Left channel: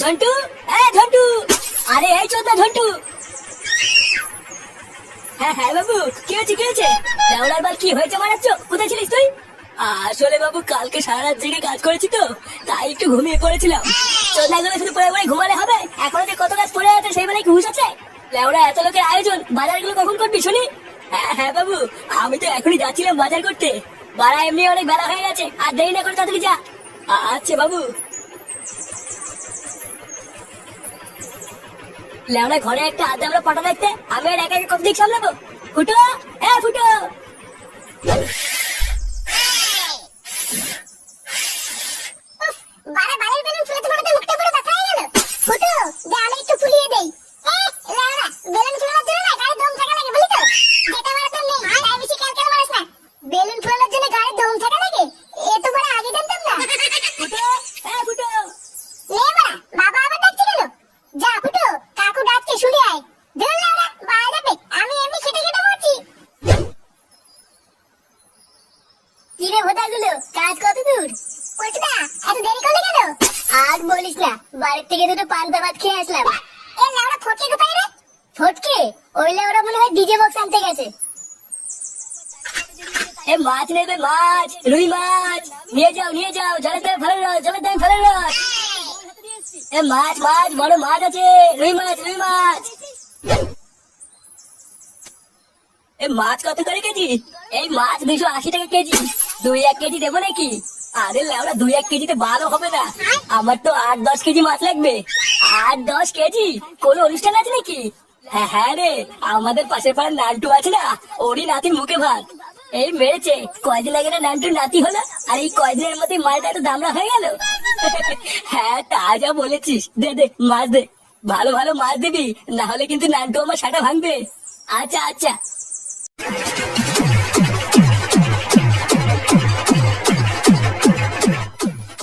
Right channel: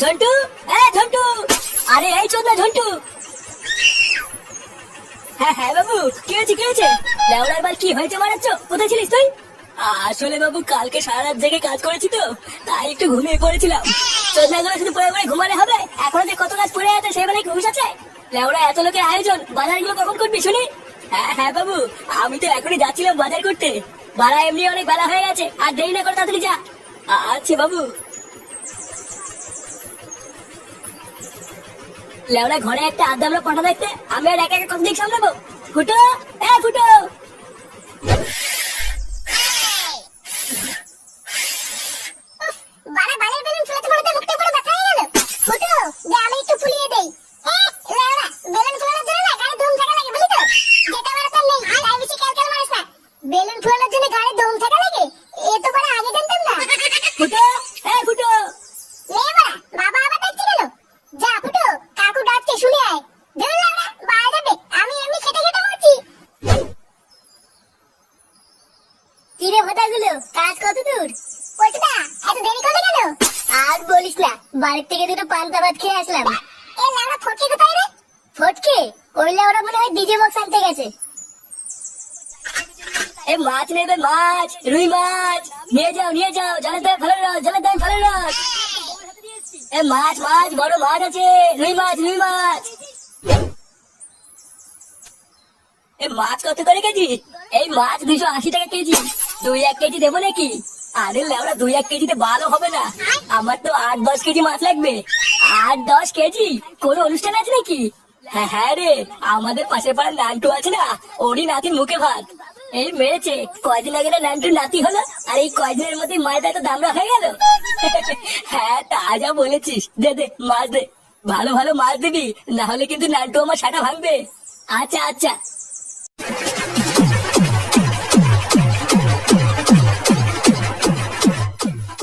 ঝন্টু, ঝন্টু, আরে এই চোদ না ঝন্টু। হ্যাঁ হ্যাঁ বাবু, কি হয়েছে কি হয়েছে? লেওড়ার বার কি হয়েছে মানাচ্ছ? কোথায় ছিলিস তুই? আসলে বাবু কালকে সারা রাত জেগে কাজ করেছি তো, তাই একটু ঘুমিয়ে পড়েছিলাম। চোদনাগুলো শুধু পড়ে পড়ে ঘুমালে হবে? এখনো যে কত কাজ পড়ে আছে সেই বেলায় কি হুঁশ আছে? লেওড়া এত লোকের আয়োজন, বাজারগুলো কখন করবি শুনি? হ্যাঁ হ্যাঁ বাবু, আমি তো এখনই যাচ্ছিলাম বাজার করতে। বাড়া এমনি অনেক বেলা হয়ে গেছে, আর দেরি না করে তাড়াতাড়ি যা। আচ্ছা বাবু। লেওড়া ঘরে একটা আধা আমরা পাঠা দেখতে, আমি আর একা একা কত দিক সামলাবো? ফুটো, ফুটো। বারে বালের বেলুন ফুলাতে ফুলাতে মুখটা পুরো ব্যথা হয়ে গেল। ফুটো, দে আমি একটু ফুলিয়ে দেই। লেওড়া, বেলুন ফুলানোর জন্য না গায়ে দম থাকা লাগে, বলি তো? যেটা বড় তোর নেই, তাই বেশি ক্যালকাল মারিস না। বেলুন ফুলানোর জন্য গায়ে দম থাকা লাগে? এ তো বড় আগে জানতাম না। ফুটো, ফুটো। লে বড়া, বাবা আবার ডাকছে কেন? যা ফুটো, কাকু ডাকছে শুনে আয়। ধুর লেওড়া, বাড়া যাবে, আমি এমনি খেটে খেটে মরছি। কিরে হোদাগুলো, কাজ কত দূর? পল্টুদা, এত দেরি করলে কেন? আর বলিস না, বাড়ির থেকে দুটো পান্তা ভাত খেয়ে আসলাম। এ লেওড়া ফটকে কোথায় রে? ফটকে? ওই লেওড়া মনে হয় ডিজে বক্স আনতে গেছে। এ মাছ নেবে, মাছ, রুই মাছ নিয়ে যাও, জলের দায় ফেলে রস, জলের দায় ফেলে রস। এ মাছ মাছ, বড় মাছ আছে, রুই মাছ, রুই মাছ। এ মাছ কত করে কেজি? এই মাছ 280 টাকা কেজি। 2-1 কেজি দেবো নাকি? আরে লেওড়া 2-1 কেজিতে ভালো হবে না, আমার তো 8-10 কেজি মাছ লাগবে। 8-10 কেজি? কোন অনুষ্ঠান আছে নাকি? হ্যাঁ হ্যাঁ রে, আমাদের পাশের পাড়ার নান্টু আছে না, ওরই নাতির মুখে ভাত। এই মেরেছে, কয়দিন আগে না নান্টুর নাতি হলো, আর এই কয়দিনের মধ্যে মায়ের এত দামড়া হয়ে গেল। হ্যাঁ তা যা বলেছিস, দে দে মাছ দে, ভালো ভালো মাছ দিবি, না হলে কিন্তু নান্টু আমার সাটা ভাঙবে। আচ্ছা আচ্ছা।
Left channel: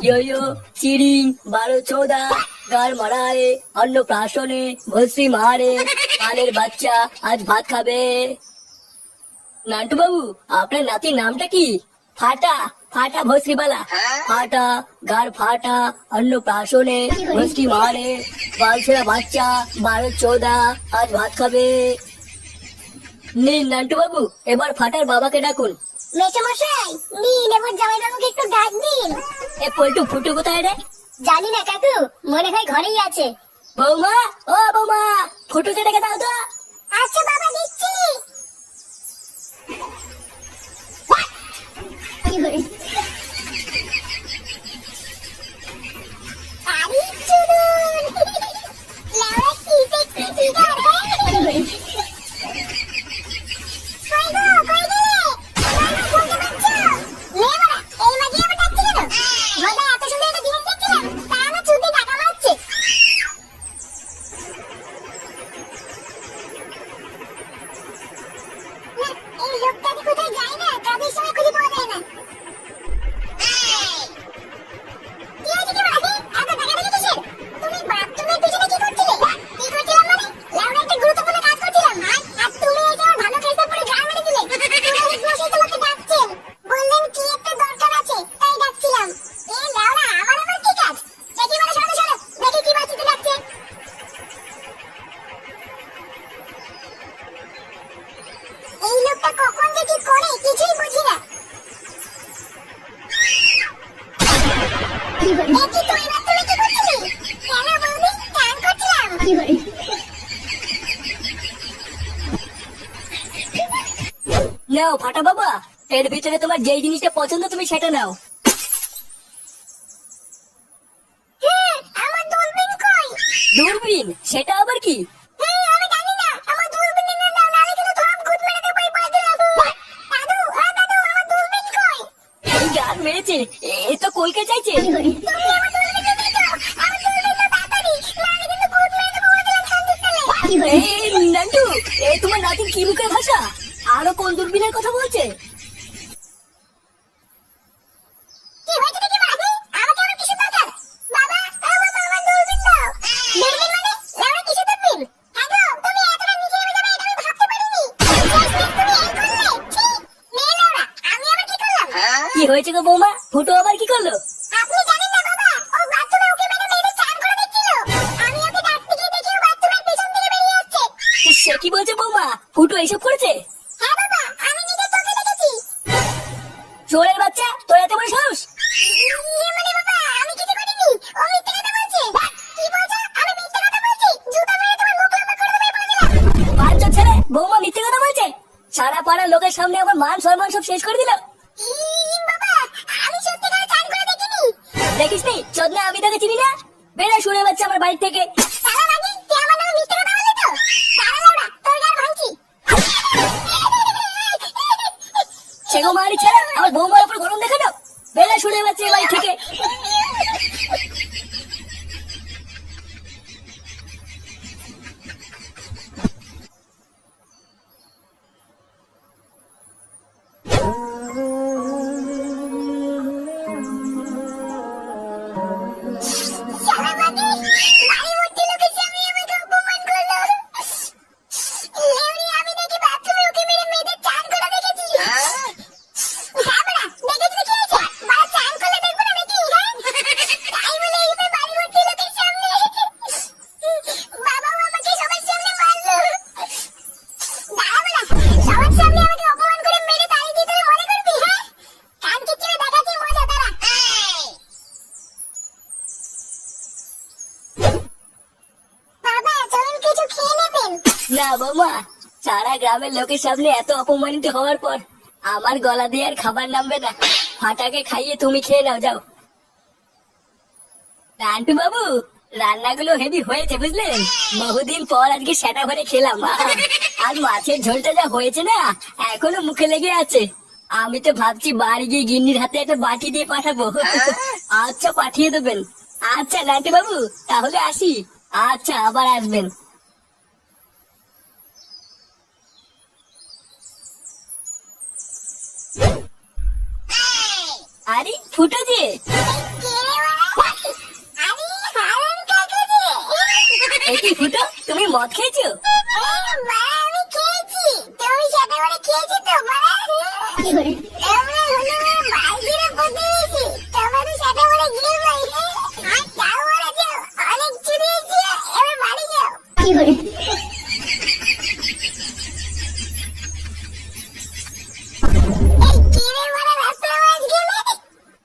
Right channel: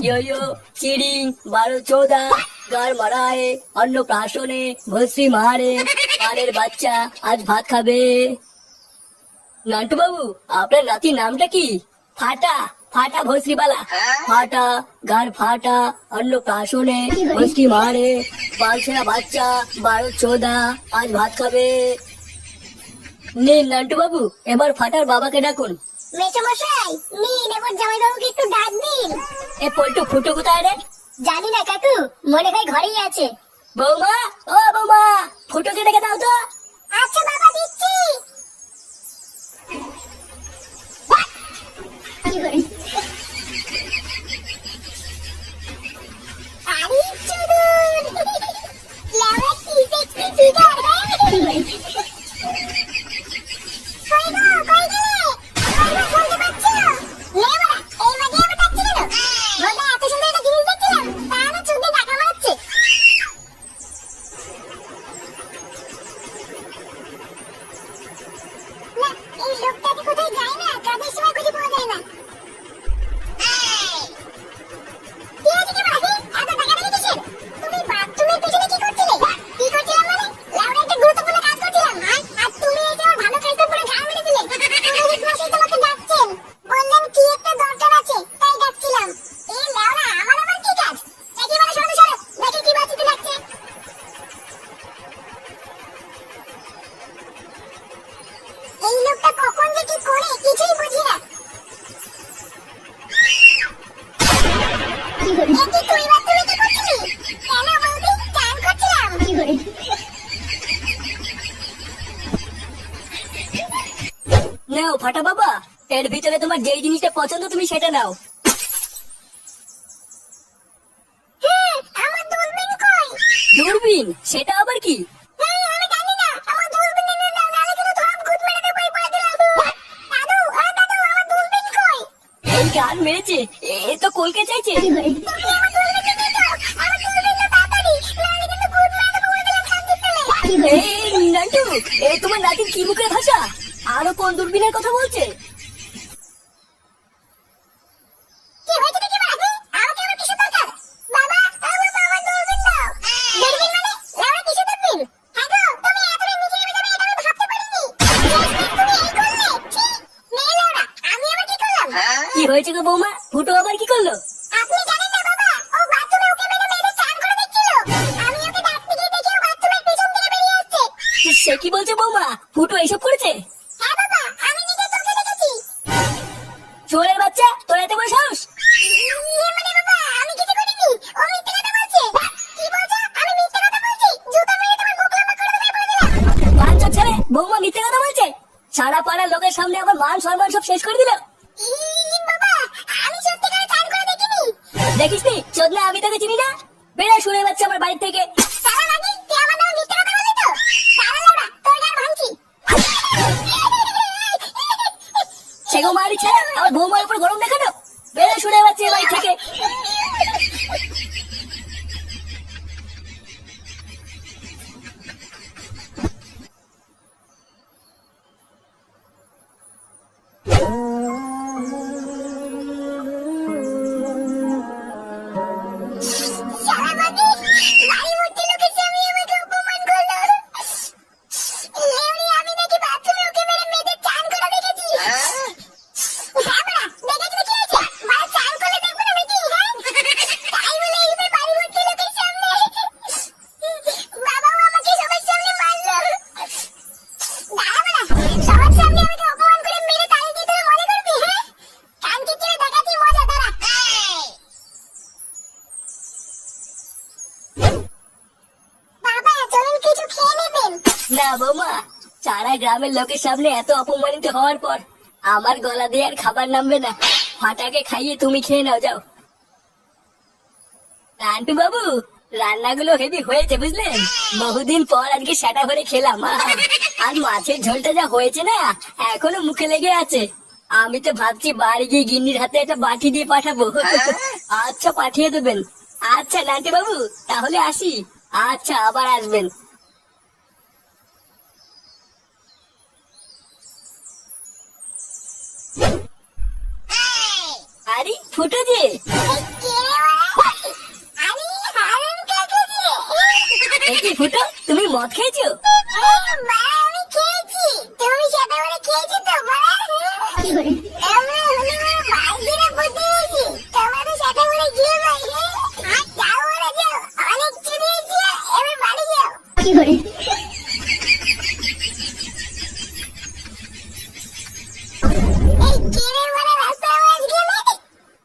ইয়ো চিড়ি 12-14 গার মারায় অন্নপ্রাশনে ভস্রী মারে পানের বাচ্চা আজ ভাত খাবে। নান্টু বাবু, আপনার নাতির নামটা কি? ফাটা, ফাটা ভস্রীবালা। ফাটা, গার ফাটা, অন্নপ্রাশনে ভস্রী মারে বালছেরা বাচ্চা 12-14 আজ ভাত খাবে। নিন নান্টু বাবু, এবার ফাটার বাবাকে ডাকুন। মেসোমশাই, নিন এবার জামাইবাবুকে একটু ডাক দিন। এ পল্টু ফুটু কোথায় রে? জানি না কাকু, মনে হয় ঘরেই আছে। বৌমা, ও বৌমা, ফুটুকে ডেকে দাও তো। আচ্ছা বাবা, দিচ্ছি। আরে চুদন, লেওড়া কি সেক্সি ফিগার রে। কই গো, কই গেলে? কই গো, শুনতে পাচ্ছ? লে বড়া, এই মাঝে আবার ডাকছে কেন? ভোদা, এত সুন্দর একটা জিনিস দেখছিলাম, তা আমার চুদে টাকা মারছে। না, এই লোকটাকে কোথায় যায় না, কাজের সময় খুঁজে পাওয়া যায় না। কি হয়েছে কি বড়া? এত টাকাটাকি কিসের? তুমি বাথরুমের পেছনে কি করছিলে? কি করছিলাম মানে? লেওড়া একটা গুরুত্বপূর্ণ কাজ করছিলাম। আর তুমি এই যে আমার ভালো কাজটা পুরো ঘা মেরে দিলে। পুরোহিত মশাই তোমাকে ডাকছেন, বললেন কি একটা দরকার আছে, তাই ডাকছিলাম। এ লেওড়া, আমার আবার কি কাজ? দেখি বড়া, সরো সরো, দেখি কি বাচ্চাতে ডাকছে। এই লোকটা কখন যে কি করে কিছুই বুঝি না। এতে তুই বাথরুমে কি করছিলি? কেন বৌদি, চান করছিলাম। নাও ফাটা বাবা, এর ভিতরে তোমার যেই জিনিসটা পছন্দ তুমি সেটা নাও। আমার দূরবীন কই? দূরবীন? সেটা আবার কি? আমি জানি না, আমার দূরবীন এনে নাও, নাহলে কিন্তু ধপ গুদ মেরে দেবো এই পড়ে দিলে। দাদু, দাদু, আমার দূরবীন কই? এই গান মেরেছে, এ তো কলকে চাইছে। তুমি আমার দূরবীনটা দিয়ে দাও, আমার দূরবীনটা তাড়াতাড়ি, নাহলে কিন্তু গুদ মেরে দেবো পড়ে দিলে শান্তির তলে। এই নান্টু, এ তোমার নাতির কি মুখের ভাষা? আরো কোন দূরবীনের কথা বলছে? কি হয়েছে দেখি বাড়া? আমাকে আবার কিসের দরকার? বাবা, আমার দূরবীন দাও। দূরবীন মানে? লেওড়া কিসের দূরবীন? হ্যাঁ গো, তুমি এতটা নিচে নেমে যাবে এটা আমি ভাবতে পারিনি। শেষমেশ তুমি এই করলে? ছি, মেয়ে লেওড়া, আমি আবার কি করলাম? কি হয়েছে গো বৌমা? ফুটো আবার কি করলো? আপনি জানেন না বাবা, ও বাথরুমে উকি মেরে মেয়েদের চান করে দেখছিল। দেখেছে? হ্যাঁ বাবা, আমি নিজে তোকে দেখেছি। চোরের বাচ্চা, তোর এত বড় সাহস? মানে বাবা, আমি কিছু করিনি। ও মিথ্যে কথা বলছে। কি বলছো? আমি মিথ্যে কথা বলছি? জুতা মেরে তোমার মুখ লম্বা করে দেবো বলে দিলাম। বাচ্চা ছেলে, বৌমা মিথ্যে কথা বলছে। সারা পাড়ার লোকের সামনে আমার মান সম্মান সব শেষ করে দিল। বাবা, আমি সত্যিকারে চান করে দেখিনি। দেখিসনি চোদনা, আমি তোকে চিনি না। বেড়া শুনে বাচ্চা আমার বাড়ি থেকে। সারা লাগি, তুই আমার নামে মিথ্যে কথা বললি তো? সারা লাউড়া, তোর গার ভাঙছি। সেগো মারি ছেলে, আমার বৌমার উপর গরম দেখানো। বেড়া শুনে বাচ্চা বাড়ি থেকে। সারা লাগি, বাড়ি ভর্তি লোকের সামনে আমাকে অপমান করলো। লেউড়ি, আমি নাকি বাথরুমে ওকে মেরে মেয়েদের চান করা দেখেছি। হ্যাঁ বাড়া, দেখেছি তো কি হয়েছে? বাড়া চান করলে দেখবো না নাকি, হ্যাঁ? তাই বলে এইভাবে বাড়ি ভর্তি লোকের সামনে বাবাও আমাকে সবার সামনে মারলো। দাঁড়া বাড়া, সবার সামনে আমাকে অপমান করে মেরে তাড়িয়ে দিয়ে তোরা মনে করবি, হ্যাঁ? কানকে চিড়ে দেখাচ্ছি মজা, দাঁড়া। বাবা, চলুন কিছু খেয়ে নেবেন। না বৌমা, সারা গ্রামের লোকের সামনে এত অপমানিত হওয়ার পর আমার গলা দিয়ে আর খাবার নামবে না। ফাটাকে খাইয়ে তুমি খেয়ে নাও, যাও। নান্টু বাবু, রান্নাগুলো হেভি হয়েছে বুঝলেন। বহুদিন পর আজকে সেটা ভরে খেলাম। আর মাছের ঝোলটা যা হয়েছে না, এখনো মুখে লেগে আছে। আমি তো ভাবছি বাড়ি গিয়ে গিন্নির হাতে একটা বাটি দিয়ে পাঠাবো। আচ্ছা, পাঠিয়ে দেবেন। আচ্ছা নান্টু বাবু, তাহলে আসি। আচ্ছা, আবার আসবেন। আরে ফুটো যে, এই কি ফুটো, তুমি মদ খেয়েছো?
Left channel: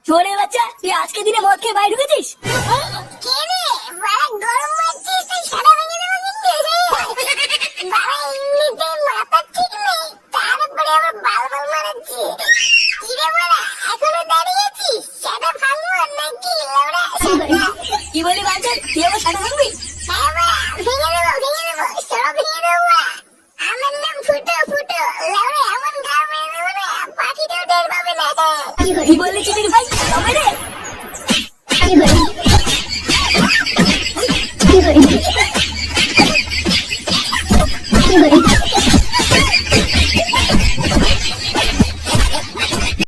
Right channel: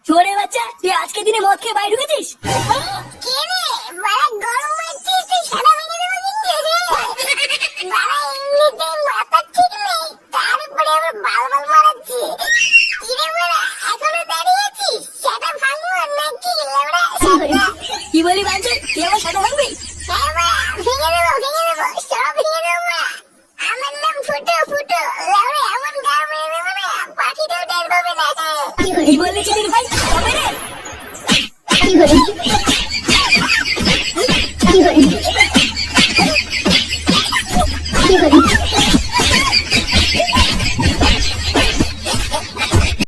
চোরের বাচ্চা, তুই আজকে দিনে মদ খেয়ে বাইরে ঢুকেছিস? কি বলি বাঞ্চন, তুই আমার সাথে ভাববি? আমার নাম ফুটো ফুটো, এমন গা মেরে দেবো না, পাখিটাও টের পাবে না। কি বললি চিনির ভাই? তবে রে। কি করে